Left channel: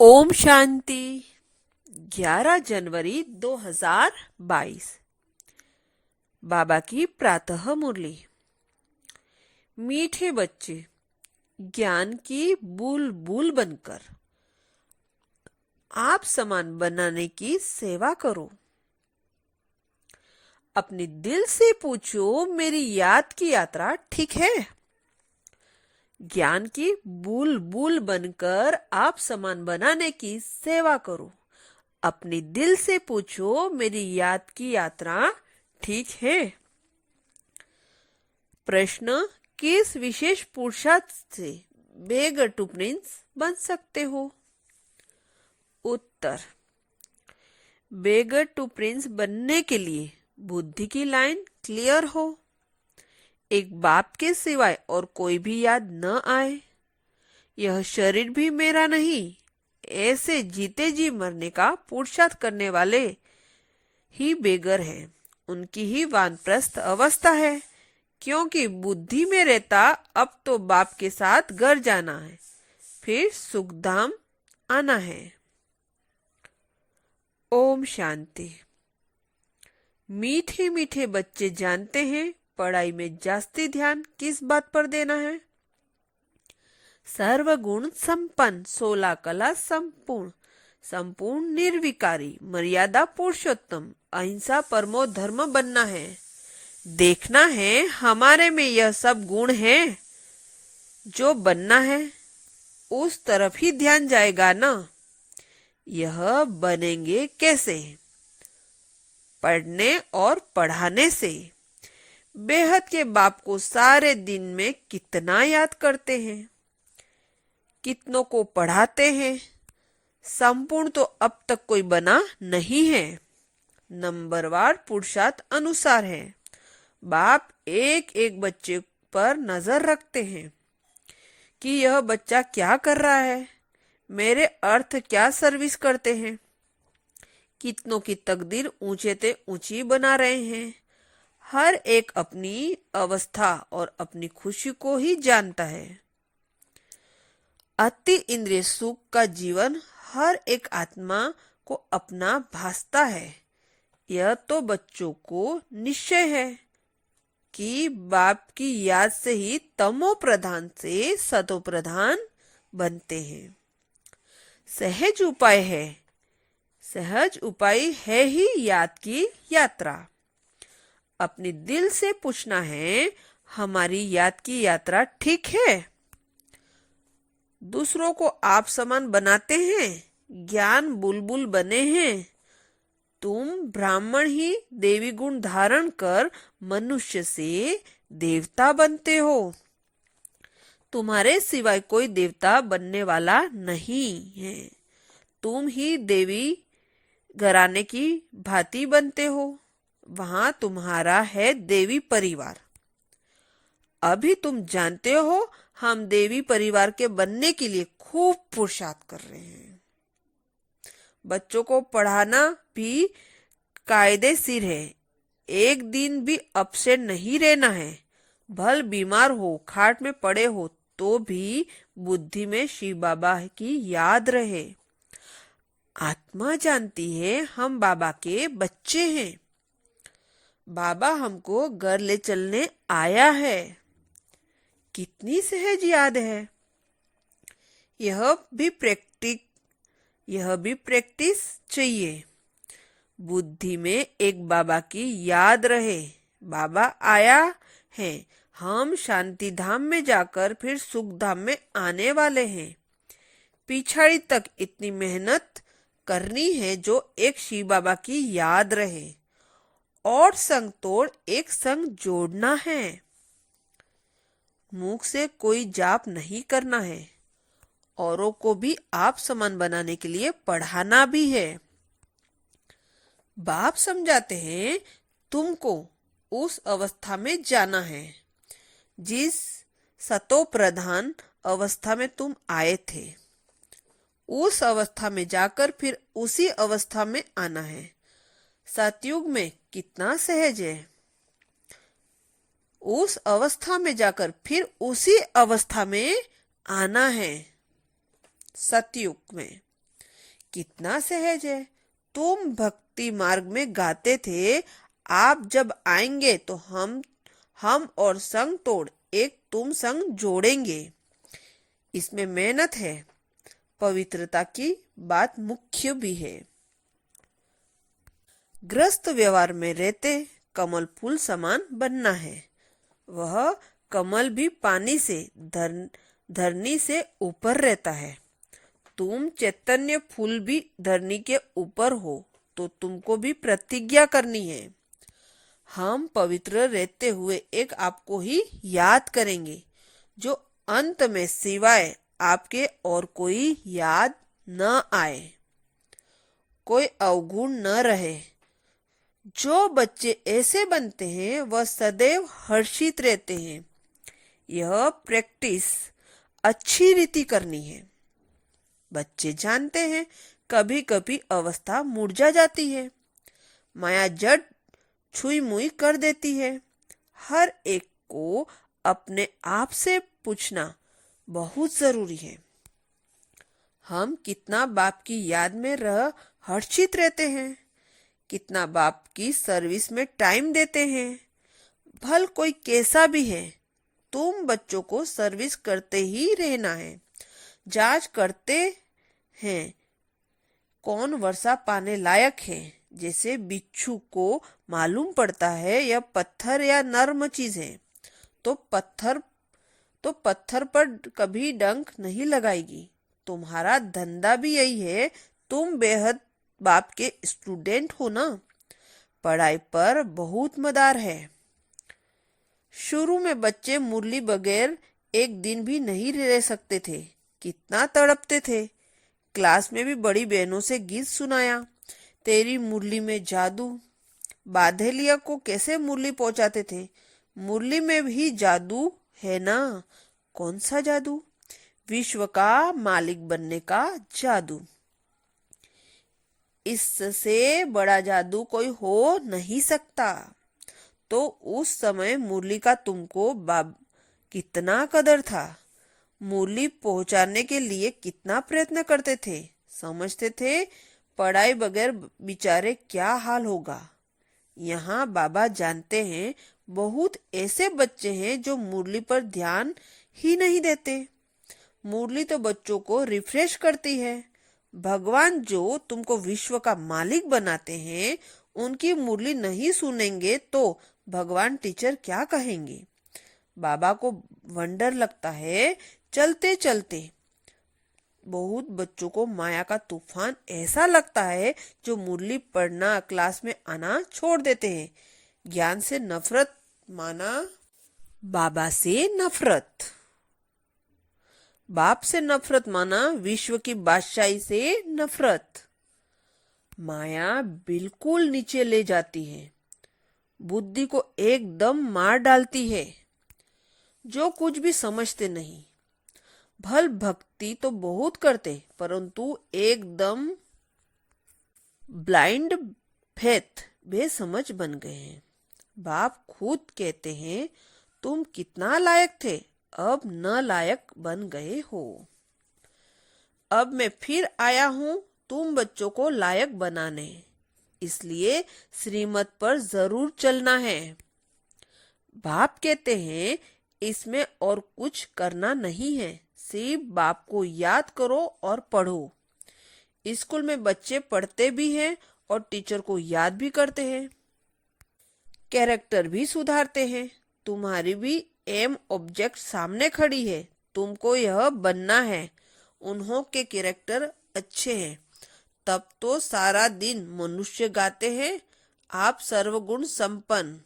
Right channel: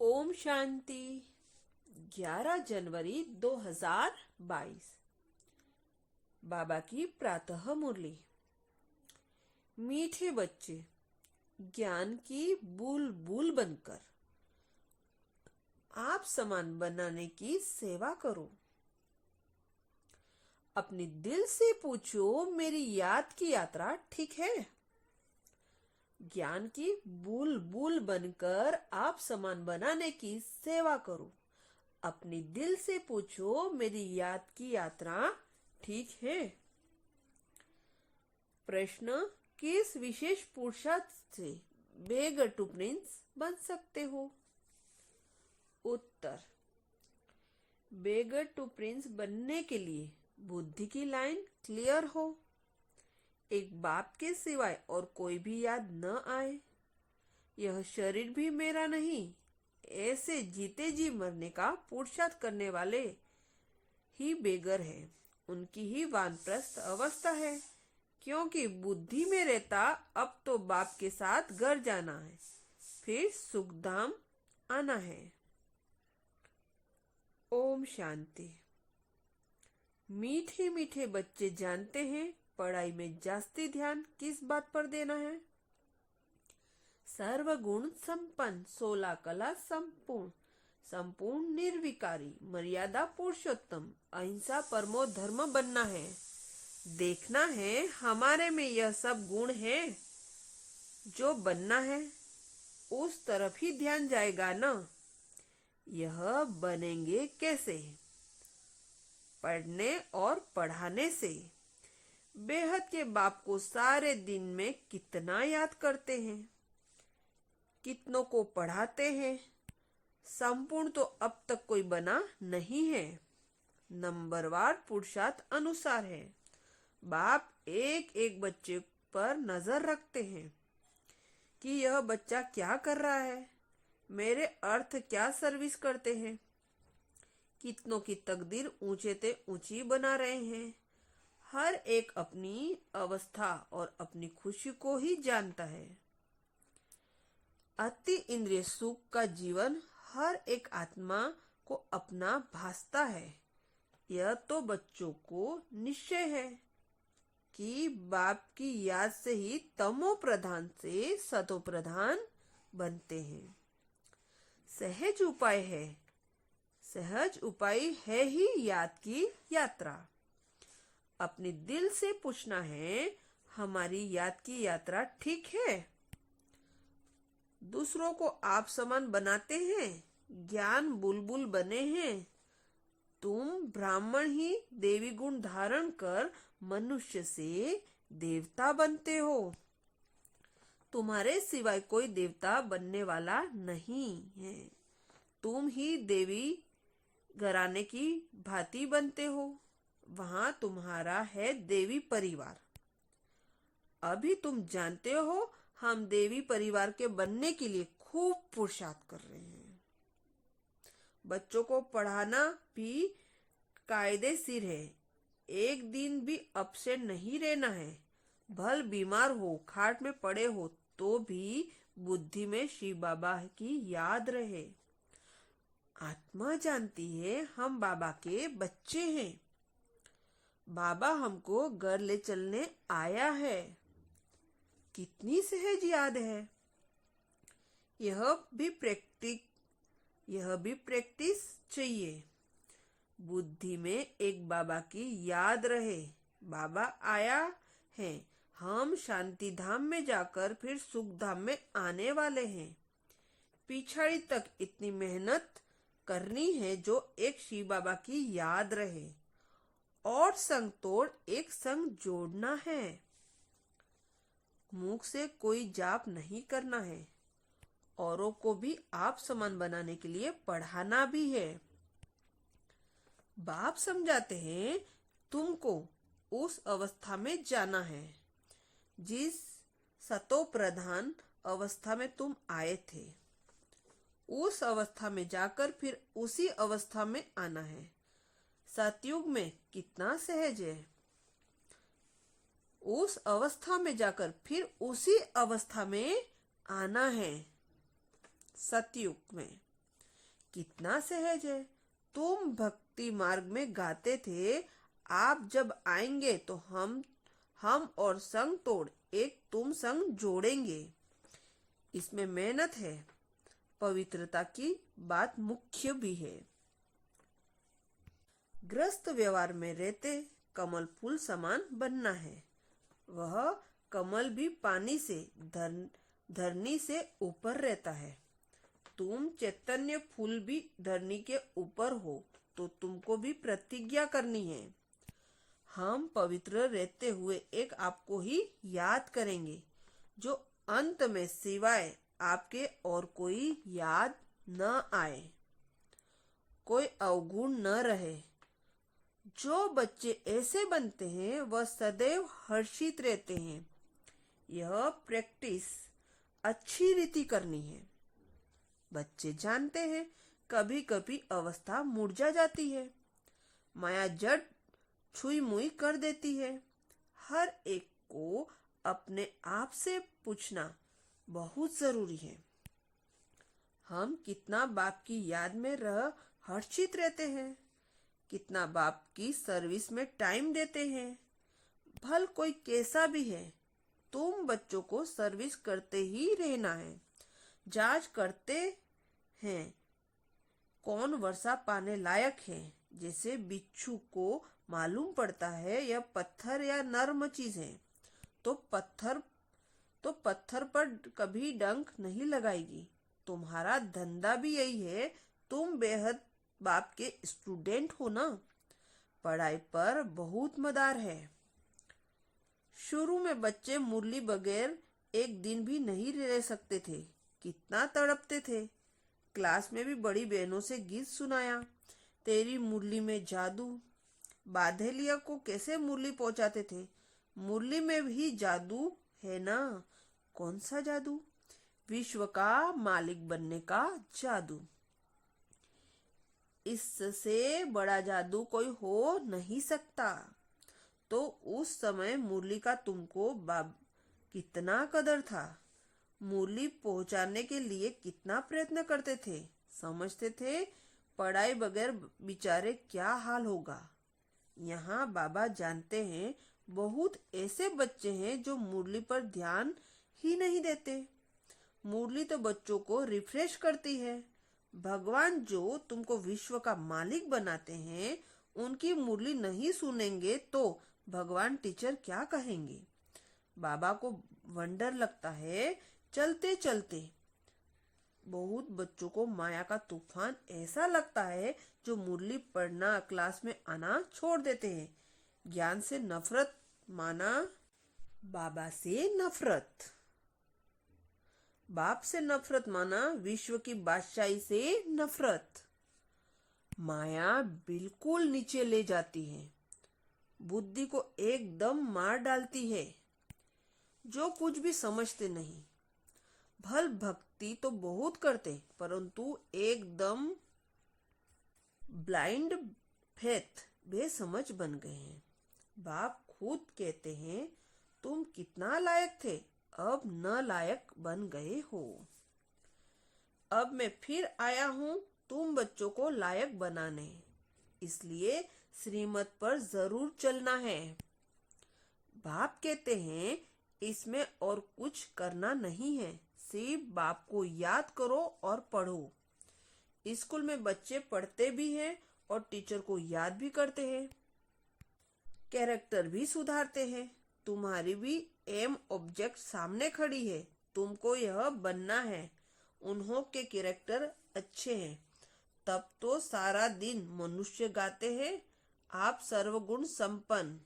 ओम शांति। 11 जनवरी 2022। बाबा की प्रातः मुरली। मीठे बच्चे, ज्ञान की बूल बूल बनकर आप समान बनाने की सेवा करो। अपने दिल से पूछो, मेरी याद की यात्रा ठीक है? ज्ञान की बूल बूल बनकर आप समान बनाने की सेवा करो। अपने दिल से पूछो, मेरी याद की यात्रा ठीक है? प्रश्न, किस विशेष पुरुषार्थ से बेगर टू प्रिंस बन सकते हो? उत्तर, बेगर टू प्रिंस बनने के लिए बुद्धि की लाइन क्लियर हो, एक बाप के सिवाय और कोई भी याद न आए, यह शरीर भी मेरा नहीं, ऐसे जीते जी मरने का पुरुषार्थ करने वाले ही बेगर है। उनकी ही वानप्रस्थ अवस्था है, क्योंकि बुद्धि में रहता अब तो बाप के साथ घर जाना है, फिर सुखधाम आना है। ओम शांति। मीठे मीठे बच्चे जानते हैं पढ़ाई में जास्ती ध्यान किस बात पर देना है? सर्वगुण संपन्न, 16 कला संपूर्ण, संपूर्ण निर्विकारी, मर्यादा पुरुषोत्तम, अहिंसा परमो धर्म बनना है। देखना है हमारे में यह सब गुण है। जो बनना है उस तरफ ही ध्यान जाएगा ना। यह बनेंगे कैसे? पढ़ने और पढ़ाने से। बेहद के बाप को सारे दिन में कितना याद करते हैं, कितनों को पढ़ाते हैं? संपूर्ण तो अब तक कोई बना नहीं है, नंबरवार पुरुषार्थ अनुसार है। बाप एक एक बच्चे पर नजर रखते हैं कि यह बच्चा क्या कर रहा है, मेरे अर्थ क्या सर्विस करते हैं, कितनों की तकदीर ऊंचे ते ऊंची बना रहे हैं। हर एक अपनी अवस्था और अपनी खुशी को ही जानता है। अति इंद्रिय सुख का जीवन हर एक आत्मा को अपना भासता है। यह तो बच्चों को निश्चय है कि बाप की याद से ही तमो प्रधान से सतो प्रधान बनते हैं। सहज उपाय है, सहज उपाय है ही याद की यात्रा। अपने दिल से पूछना है, हमारी याद की यात्रा ठीक है? दूसरों को आप समान बनाते हैं, ज्ञान बुलबुल बने हैं। तुम ब्राह्मण ही देवी गुण धारण कर मनुष्य से देवता बनते हो। तुम्हारे सिवाय कोई देवता बनने वाला नहीं है। तुम ही देवी घराने की भांति बनते हो। वहां तुम्हारा है देवी परिवार। अभी तुम जानते हो हम देवी परिवार के बनने के लिए खूब पुरुषार्थ कर रहे हैं। बच्चों को पढ़ाना भी कायदेशीर है। एक दिन भी अपसेट नहीं रहना है। भल बीमार हो, खाट में पड़े हो तो भी बुद्धि में शिव बाबा की याद रहे। आत्मा जानती है हम बाबा के बच्चे हैं। बाबा हमको घर ले चलने आया है। कितनी सहज याद है। यह भी प्रैक्टिस चाहिए। बुद्धि में एक बाबा की याद रहे, बाबा आया है, हम शांति धाम में जाकर फिर सुख धाम में आने वाले हैं। पिछाड़ी तक इतनी मेहनत करनी है जो एक शिव बाबा की याद रहे, और संग तोड़ एक संग जोड़ना है। मुख से कोई जाप नहीं करना है, औरों को भी आप समान बनाने के लिए पढ़ाना भी है। बाप समझाते हैं तुमको उस अवस्था में जाना है जिस सतो प्रधान अवस्था में तुम आए थे। उस अवस्था में जाकर फिर उसी अवस्था में आना है। सतयुग में कितना सहज है। उस अवस्था में जाकर फिर उसी अवस्था में आना है। सतयुग में कितना सहज है। तुम भक्ति मार्ग में गाते थे, आप जब आएंगे तो हम और संग तोड़ एक तुम संग जोड़ेंगे। इसमें मेहनत है, पवित्रता की बात मुख्य भी है। ग्रस्त व्यवहार में रहते कमल फूल समान बनना है। वह कमल भी पानी से धरनी से ऊपर रहता है। तुम चैतन्य फूल भी धरनी के ऊपर हो तो तुमको भी प्रतिज्ञा करनी है। हम पवित्र रहते हुए एक आपको ही याद करेंगे, जो अंत में सिवाय आपके और कोई याद न आए, कोई अवगुण न रहे। जो बच्चे ऐसे बनते हैं वह सदैव हर्षित रहते हैं। यह प्रैक्टिस अच्छी रीति करनी है। बच्चे जानते हैं कभी कभी अवस्था मुरझा जाती है, माया जड़ छुई मुई कर देती है। हर एक को अपने आप से पूछना बहुत जरूरी है, हम कितना बाप की याद में रह हर्षित रहते हैं, कितना बाप की सर्विस में टाइम देते हैं। भल कोई कैसा भी है, तुम बच्चों को सर्विस करते ही रहना है। जांच करते हैं कौन वर्षा पाने लायक है। जैसे बिच्छू को मालूम पड़ता है यह पत्थर या नर्म चीज है, तो पत्थर पर कभी डंक नहीं लगाएगी। तुम्हारा धंधा भी यही है। तुम बेहद बाप के स्टूडेंट हो ना, पढ़ाई पर बहुत मदार है। शुरू में बच्चे मुरली बगैर एक दिन भी नहीं रह सकते थे, कितना तड़पते थे। क्लास में भी बड़ी बहनों से गीत सुनाया, तेरी मुरली में जादू। बाधेलिया को कैसे मुरली पहुंचाते थे, मुरली में भी जादू है ना। कौन सा जादू? विश्व का मालिक बनने का जादू। इससे बड़ा जादू कोई हो नहीं सकता। तो उस समय मुरली का तुमको कितना कदर था, मुरली पहुंचाने के लिए कितना प्रयत्न करते थे। समझते थे पढ़ाई बगैर बेचारे क्या हाल होगा। यहाँ बाबा जानते हैं बहुत ऐसे बच्चे हैं जो मुरली पर ध्यान ही नहीं देते। मुरली तो बच्चों को रिफ्रेश करती है। भगवान जो तुमको विश्व का मालिक बनाते हैं, उनकी मुरली नहीं सुनेंगे तो भगवान टीचर क्या कहेंगे। बाबा को वंडर लगता है, चलते चलते बहुत बच्चों को माया का तूफान ऐसा लगता है जो मुरली पढ़ना क्लास में आना छोड़ देते हैं। ज्ञान से नफरत माना, बाबा से नफरत, बाप से नफरत माना, विश्व की बादशाही से नफरत। माया बिल्कुल नीचे ले जाती है, बुद्धि को एकदम मार डालती है। जो कुछ भी समझते नहीं। भल भक्ति तो बहुत करते, परंतु एकदम ब्लाइंड फेथ, बेसमझ बन गए हैं। बाप खुद कहते हैं तुम कितना लायक थे, अब न लायक बन गए हो। अब मैं फिर आया हूं तुम बच्चों को लायक बनाने, इसलिए श्रीमत पर जरूर चलना है। बाप कहते हैं इसमें और कुछ करना नहीं है, सिर्फ बाप को याद करो और पढ़ो। स्कूल में बच्चे पढ़ते भी हैं और टीचर को याद भी करते हैं, कैरेक्टर भी सुधारते हैं। तुम्हारी भी एम ऑब्जेक्ट सामने खड़ी है, तुमको यह बनना है। उन्हों के कैरेक्टर अच्छे हैं, तब तो सारा दिन मनुष्य गाते हैं आप सर्वगुण संपन्न।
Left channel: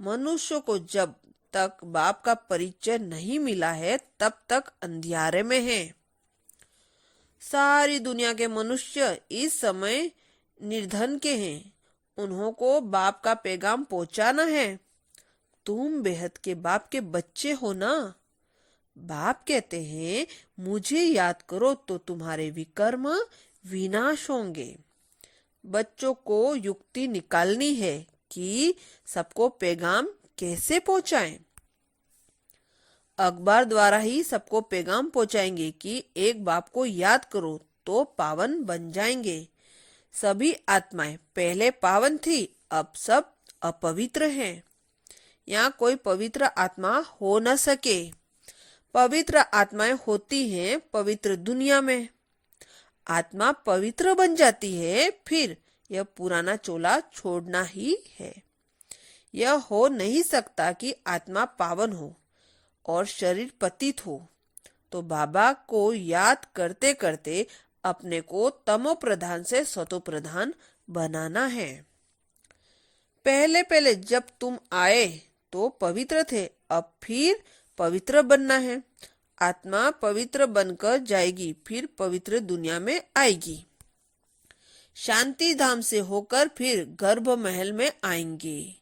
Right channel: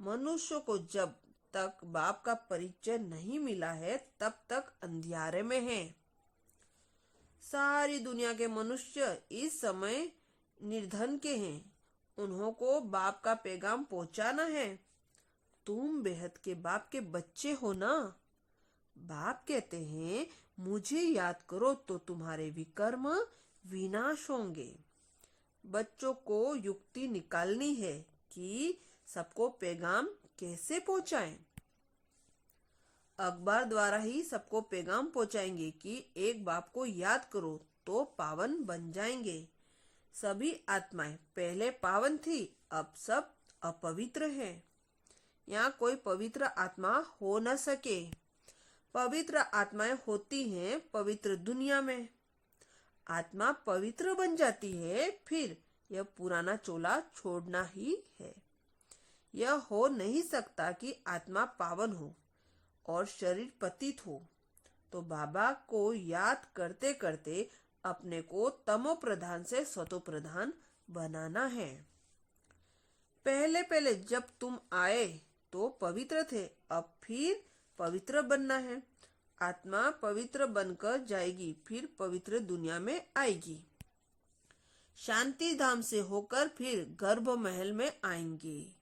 मनुष्य को जब तक बाप का परिचय नहीं मिला है तब तक अंधियारे में है। सारी दुनिया के मनुष्य इस समय निर्धन के हैं, उन्हों को बाप का पैगाम पहुंचाना है। तुम बेहद के बाप के बच्चे हो ना। बाप कहते हैं मुझे याद करो तो तुम्हारे विकर्म विनाश होंगे। बच्चों को युक्ति निकालनी है कि सबको पैगाम कैसे पहुंचाएं। अखबार द्वारा ही सबको पैगाम पहुंचाएंगे कि एक बाप को याद करो तो पावन बन जाएंगे। सभी आत्माएं पहले पावन थी, अब सब अपवित्र हैं। यहाँ कोई पवित्र आत्मा हो न सके। पवित्र आत्माएं होती हैं पवित्र दुनिया में। आत्मा पवित्र बन जाती है, फिर यह पुराना चोला छोड़ना ही है। यह हो नहीं सकता कि आत्मा पावन हो और शरीर पतित हो। तो बाबा को याद करते करते अपने को तमो प्रधान से सतो प्रधान बनाना है। पहले पहले जब तुम आए तो पवित्र थे, अब फिर पवित्र बनना है। आत्मा पवित्र बनकर जाएगी, फिर पवित्र दुनिया में आएगी। शांति धाम से होकर फिर गर्भ महल में आएंगे।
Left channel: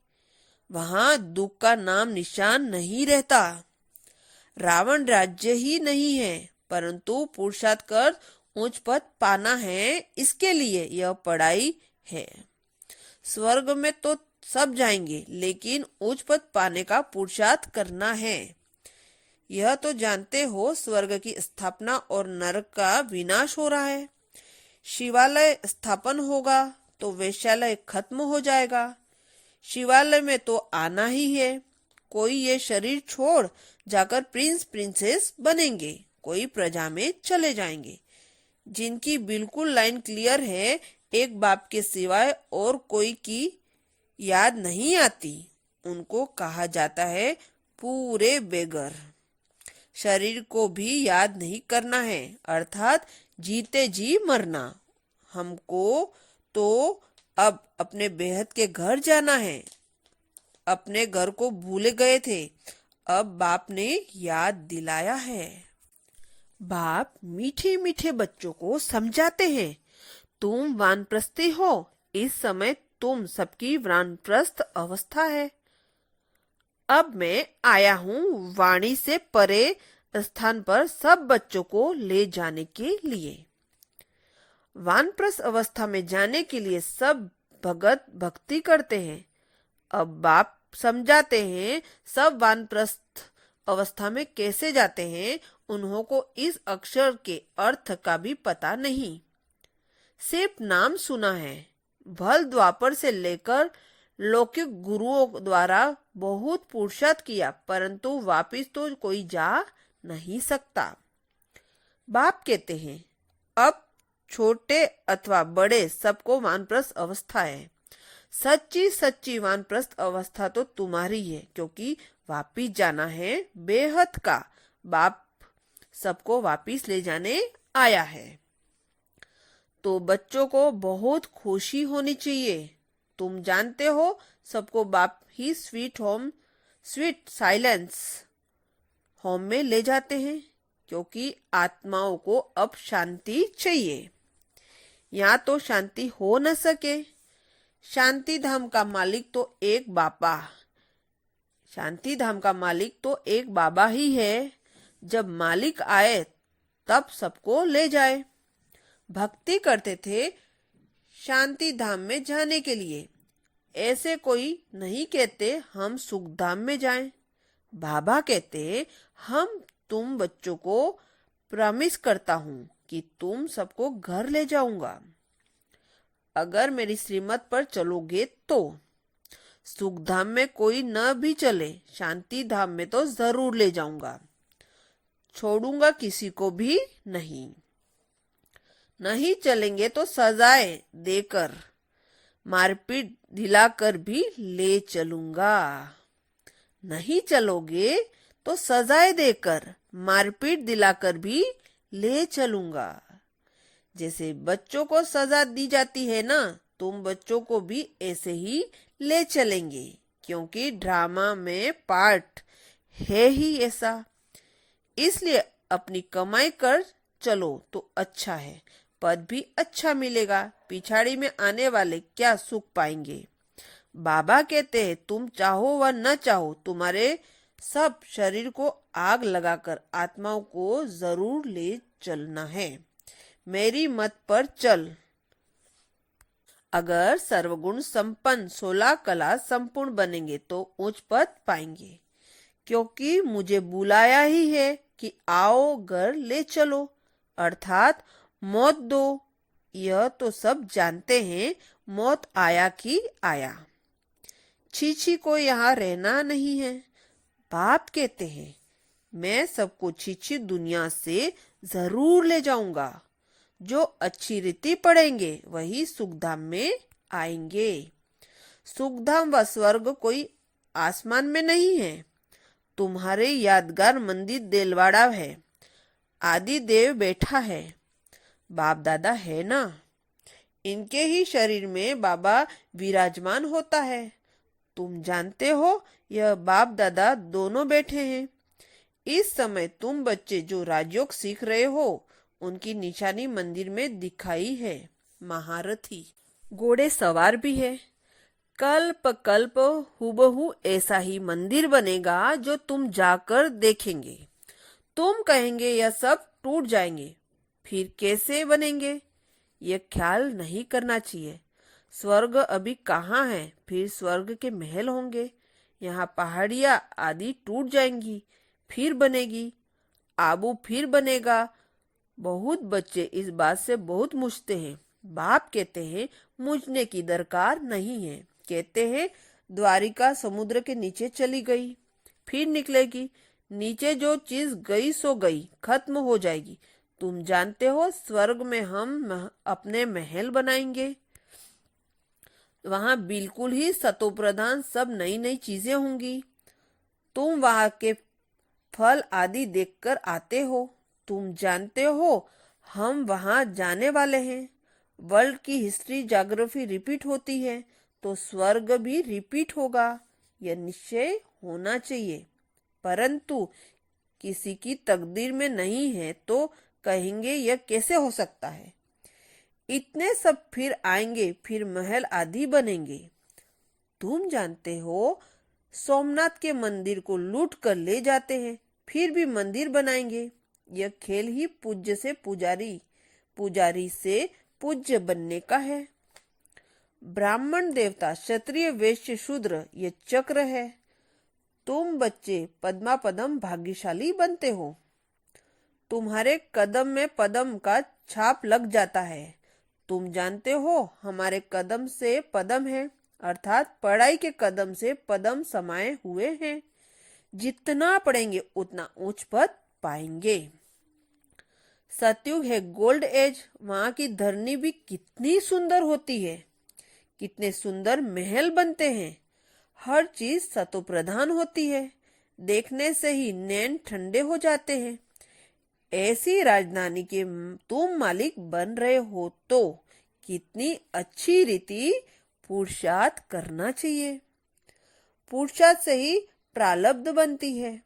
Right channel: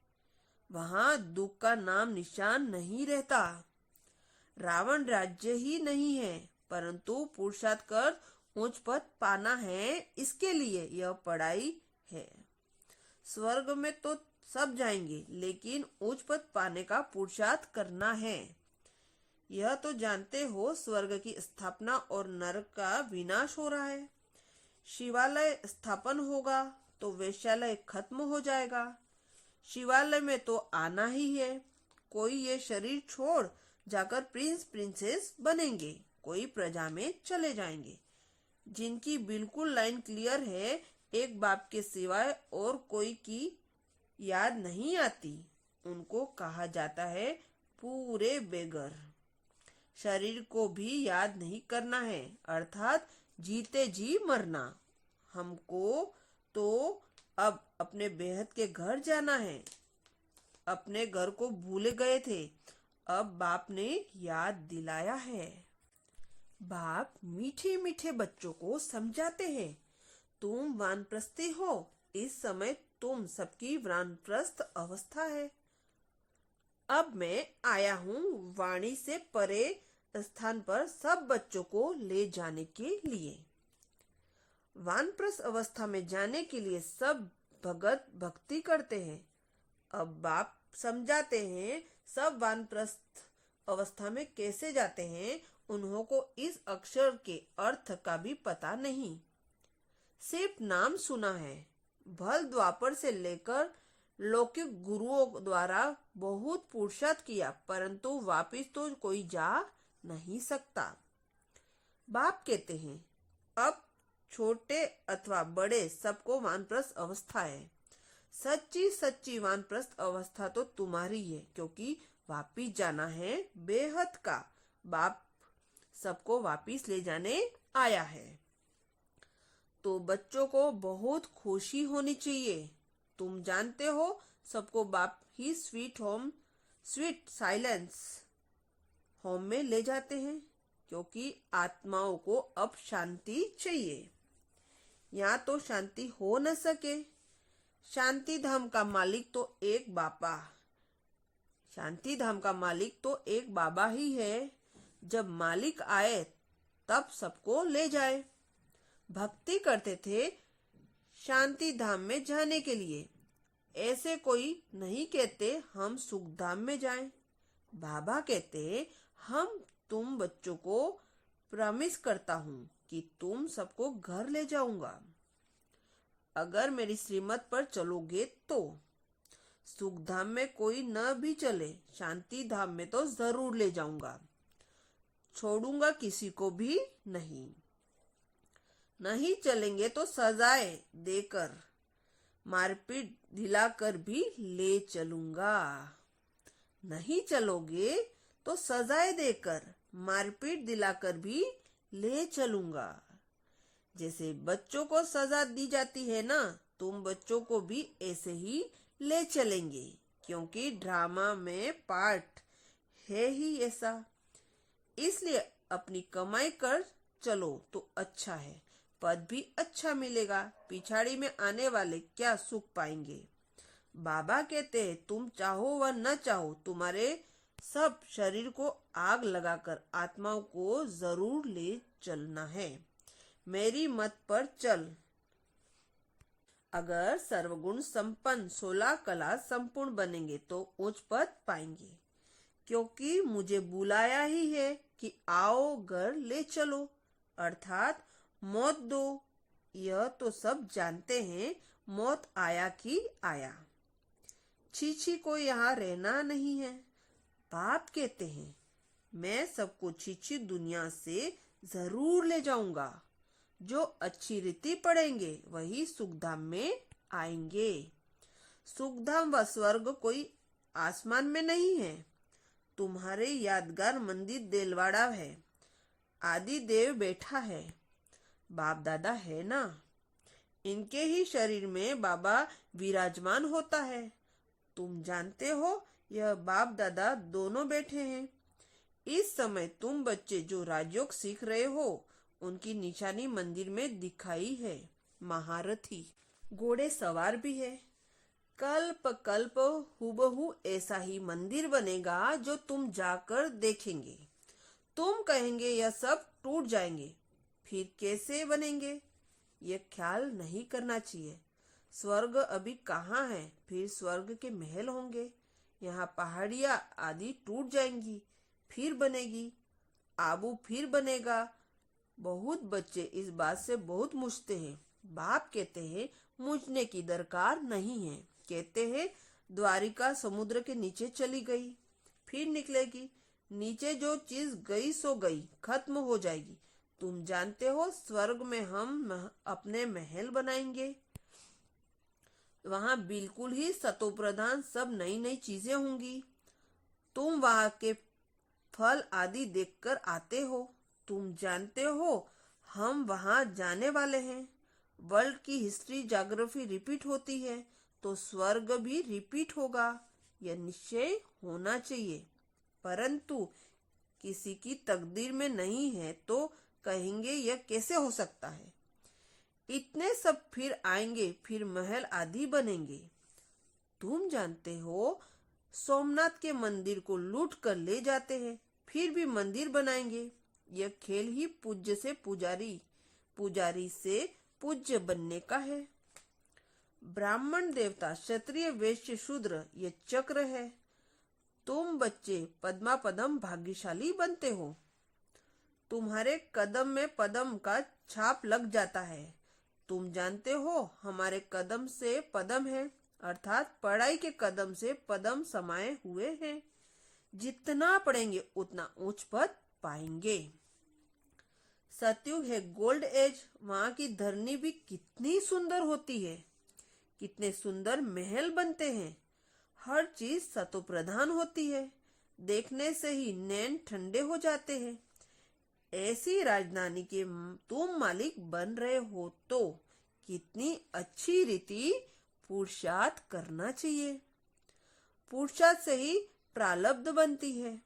वहां दुख का नाम निशान नहीं रहता। रावण राज्य ही नहीं है, परंतु पुरुषार्थ कर उच्च पद पाना है, इसके लिए यह पढ़ाई है। स्वर्ग में तो सब जाएंगे, लेकिन उच्च पद पाने का पुरुषार्थ करना है। यह तो जानते हो स्वर्ग की स्थापना और नरक का विनाश हो रहा है। शिवालय स्थापन होगा तो वेश्यालय खत्म हो जाएगा। शिवालय में तो आना ही है। कोई ये शरीर छोड़ जाकर प्रिंस प्रिंसेस बनेंगे, कोई प्रजा में चले जाएंगे। जिनकी बिल्कुल लाइन क्लियर है, एक बाप के सिवाय और कोई की याद नहीं आती, उनको कहा जाता है पूरे बेगर। शरीर को भी याद नहीं करना है, अर्थात जीते जी मरना। हमको तो अब अपने बेहद के घर जाना है। अपने घर को भूले गए थे, अब बाप ने याद दिलाया है। बाप मीठे मीठे बच्चों को समझाते हैं, तुम वानप्रस्थी हो, इस समय तुम सबकी वानप्रस्थ अवस्था है। अब मैं आया हूँ वाणी से परे स्थान पर सब बच्चों को ले जाने के लिए। वानप्रस्थ अवस्था में जाने के लिए सब भगत भक्ति करते हैं। अब बाप समझाते हैं सब वानप्रस्थ अवस्था में कैसे जाते हैं। उन्हों को इस अक्षर के अर्थ का भी पता नहीं, सिर्फ नाम सुना है। भल द्वापर से लेकर लौकिक गुरुओं द्वारा बहुत पुरुषार्थ किया, परंतु वापिस तो कोई जा नहीं सकता। बाप कहते हैं अब छोटे अथवा बड़े सबको वानप्रस्थ अवस्था है। सच्ची सच्ची वानप्रस्थ अवस्था तो तुम्हारी है, क्योंकि वापिस जाना है बेहद का। बाप सबको वापिस ले जाने आया है। तो बच्चों को बहुत खुशी होनी चाहिए। तुम जानते हो सबको बाप ही स्वीट साइलेंस होम में ले जाते हैं, क्योंकि आत्माओं को अब शांति चाहिए। यहाँ तो शांति हो न सके। शांति धाम का मालिक तो एक बाबा, शांति धाम का मालिक तो एक बाबा ही है। जब मालिक आए तब सबको ले जाए। भक्ति करते थे शांति धाम में जाने के लिए। ऐसे कोई नहीं कहते हम सुख धाम में जाएं। बाबा कहते हम तुम बच्चों को प्रॉमिस करता हूँ कि तुम सबको घर ले जाऊंगा, अगर मेरी श्रीमत पर चलोगे तो। सुख धाम में कोई न भी चले, शांति धाम में तो जरूर ले जाऊंगा। छोड़ूंगा किसी को भी नहीं। नहीं चलेंगे तो सजाए देकर, मारपीट दिलाकर भी ले चलूंगा। नहीं चलोगे तो सजाए देकर, मारपीट दिलाकर भी ले चलूंगा। जैसे बच्चों को सजा दी जाती है ना, तुम बच्चों को भी ऐसे ही ले चलेंगे, क्योंकि ड्रामा में पार्ट है ही ऐसा। इसलिए अपनी कमाई कर चलो तो अच्छा है, पद भी अच्छा मिलेगा। पिछाड़ी में आने वाले क्या सुख पाएंगे। बाबा कहते हैं तुम चाहो व न चाहो, तुम्हारे सब शरीर को आग लगाकर आत्माओं को जरूर ले चलना है। मेरी मत पर चल। अगर सर्वगुण संपन्न 16 कला संपूर्ण बनेंगे तो उच्च पद पाएंगे, क्योंकि मुझे बुलाया ही है कि आओ घर ले चलो, अर्थात मौत दो। यह तो सब जानते हैं, मौत आया कि आया। छीछी को यहाँ रहना नहीं है। बाप कहते हैं, मैं सबको छीछी दुनिया से जरूर ले जाऊंगा। जो अच्छी रीति पढ़ेंगे वही सुखधाम में आएंगे। सुखधाम व स्वर्ग कोई आसमान में नहीं है। तुम्हारे यादगार मंदिर देलवाड़ा है। आदि देव बैठा है। बाप दादा है ना। इनके ही शरीर में बाबा विराजमान होता है। तुम जानते हो, यह बाप दादा दोनों बैठे हैं। इस समय तुम बच्चे जो राजयोग सीख रहे हो, उनकी निशानी मंदिर में दिखाई है। महारथी घोड़े सवार भी है। कल्प कल्प हुबहू ऐसा ही मंदिर बनेगा जो तुम जाकर देखेंगे। तुम कहेंगे यह सब टूट जाएंगे, फिर कैसे बनेंगे? यह ख्याल नहीं करना चाहिए। स्वर्ग अभी कहाँ है, फिर स्वर्ग के महल होंगे। यहाँ पहाड़ियाँ आदि टूट जाएंगी, फिर बनेगी। आबू फिर बनेगा। बहुत बच्चे इस बात से बहुत मुझते हैं। बाप कहते हैं, मुझने की दरकार नहीं है। कहते हैं, द्वारिका समुद्र के नीचे चली गई, फिर निकलेगी। नीचे जो चीज गई सो गई, खत्म हो जाएगी। तुम जानते हो, स्वर्ग में हम अपने महल बनाएंगे। वहां बिल्कुल ही सतोप्रधान सब नई नई चीजें होंगी। तुम वहां के फल आदि देखकर आते हो। तुम जानते हो, हम वहां जाने वाले हैं। वर्ल्ड की हिस्ट्री ज्योग्राफी रिपीट होती है, तो स्वर्ग भी रिपीट होगा। यह निश्चय होना चाहिए। परंतु किसी की तकदीर में नहीं है तो कहेंगे यह कैसे हो सकता है। इतने सब फिर आएंगे, फिर महल आदि बनेंगे। तुम जानते हो, सोमनाथ के मंदिर को लूट कर ले जाते हैं, फिर भी मंदिर बनाएंगे। यह खेल ही पूज्य से पुजारी, पुजारी से पूज्य बनने का है। ब्राह्मण देवता क्षत्रिय वैश्य शूद्र ये चक्र है। तुम बच्चे पद्मा पदम भाग्यशाली बनते हो। तुम्हारे कदम में पदम का छाप लग जाता है। तुम जानते हो, हमारे कदम से पदम है, अर्थात पढ़ाई के कदम से पदम समाये हुए हैं। जितना पढ़ेंगे उतना उच्च पद पाएंगे। सतयुग है गोल्ड एज। वहां की धरनी भी कितनी सुंदर होती है। कितने सुंदर महल बनते हैं। हर चीज सतो प्रधान होती है। देखने से ही नैन ठंडे हो जाते हैं। ऐसी राजधानी के तुम मालिक बन रहे हो तो कितनी अच्छी रीति पुरुषार्थ करना चाहिए। पुरुषार्थ से ही प्रारब्ध बनती है।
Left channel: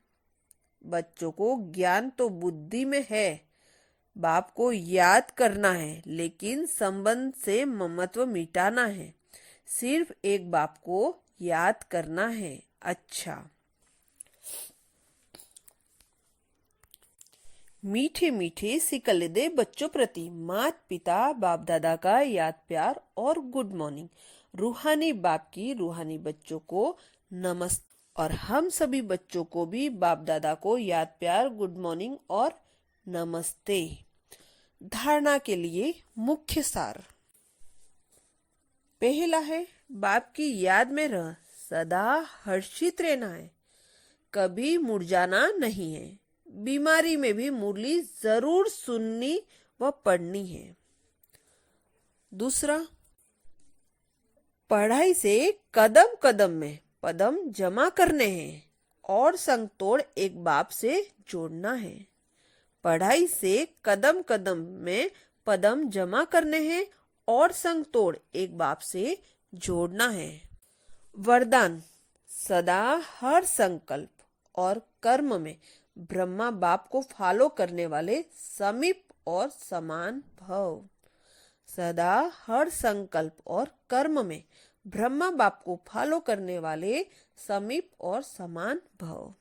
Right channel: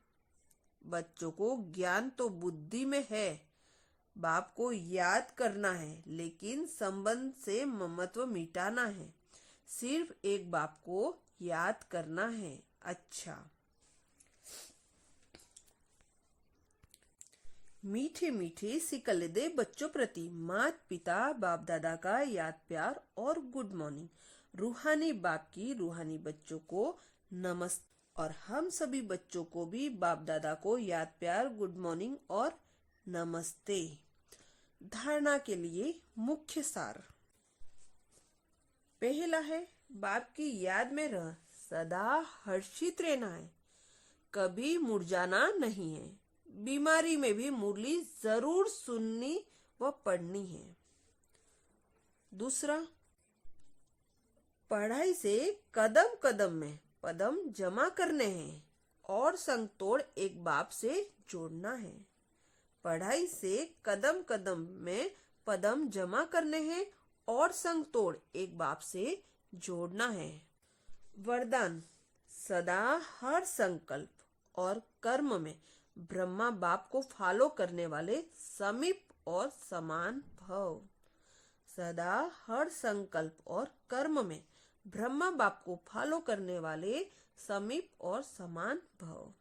बच्चों को ज्ञान तो बुद्धि में है। बाप को याद करना है, लेकिन संबंध से ममत्व मिटाना है। सिर्फ एक बाप को याद करना है। अच्छा, मीठे मीठे सिकलदे बच्चों प्रति माता पिता बाप दादा का याद प्यार और गुड मॉर्निंग। रूहानी बाप की रूहानी बच्चों को नमस्ते। और हम सभी बच्चों को भी बाप दादा को याद प्यार गुड मॉर्निंग और नमस्ते। धारणा के लिए मुख्य सार। पहला है, बाप की याद में रह सदा हर्षित रहना है। कभी मुरझाना नहीं है। बीमारी में भी मुरली जरूर सुननी व पढ़नी है। दूसरा, पढ़ाई से कदम कदम में पदम जमा करने हैं और संग तोड़ एक बाप से जोड़ना है। पढ़ाई से कदम कदम में पदम जमा करने हैं और संग तोड़ एक बाप से जोड़ना है। वरदान, सदा हर संकल्प और कर्म में ब्रह्मा बाप को फॉलो करने वाले समीप और समान भव। सदा हर संकल्प और कर्म में ब्रह्मा बाप को फॉलो करने वाले समीप और समान भव।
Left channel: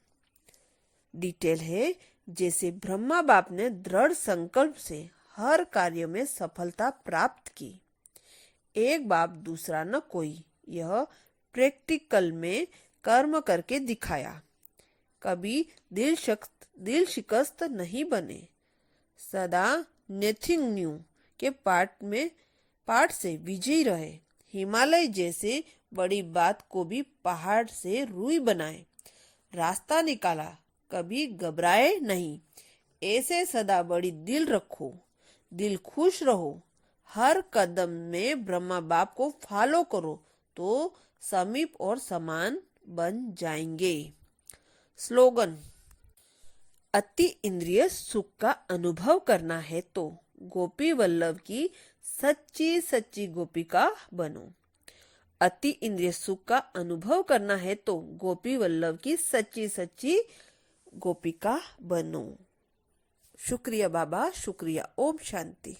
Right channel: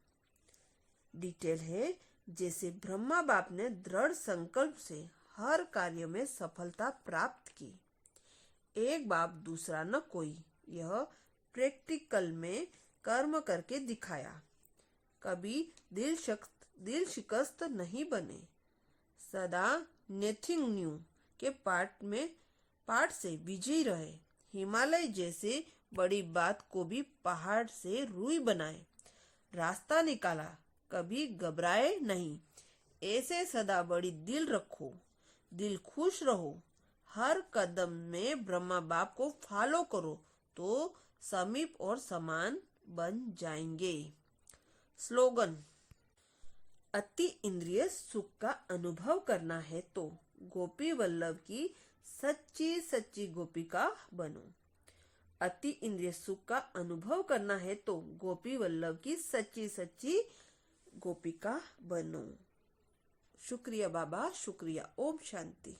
डिटेल है, जैसे ब्रह्मा बाप ने दृढ़ संकल्प से हर कार्य में सफलता प्राप्त की। एक बाप दूसरा न कोई। यह प्रैक्टिकल में कर्म करके दिखाया। कभी दिल शिकस्त नहीं बने। सदा नथिंग न्यू के पाठ से विजयी रहे। हिमालय जैसे बड़ी बात को भी पहाड़ से रुई बनाए। रास्ता निकाला, कभी घबराए नहीं। ऐसे सदा बड़ी दिल रखो, दिल खुश रहो। हर कदम में ब्रह्मा बाप को फॉलो करो तो समीप और समान बन जाएंगे। स्लोगन। अति इंद्रिय सुख का अनुभव करना है तो गोपी वल्लभ की सच्ची सच्ची गोपिका बनो। अति इंद्रिय सुख का अनुभव करना है तो गोपी वल्लभ की सच्ची सच्ची गोपिका बनो। शुक्रिया बाबा, शुक्रिया। ओम शांति।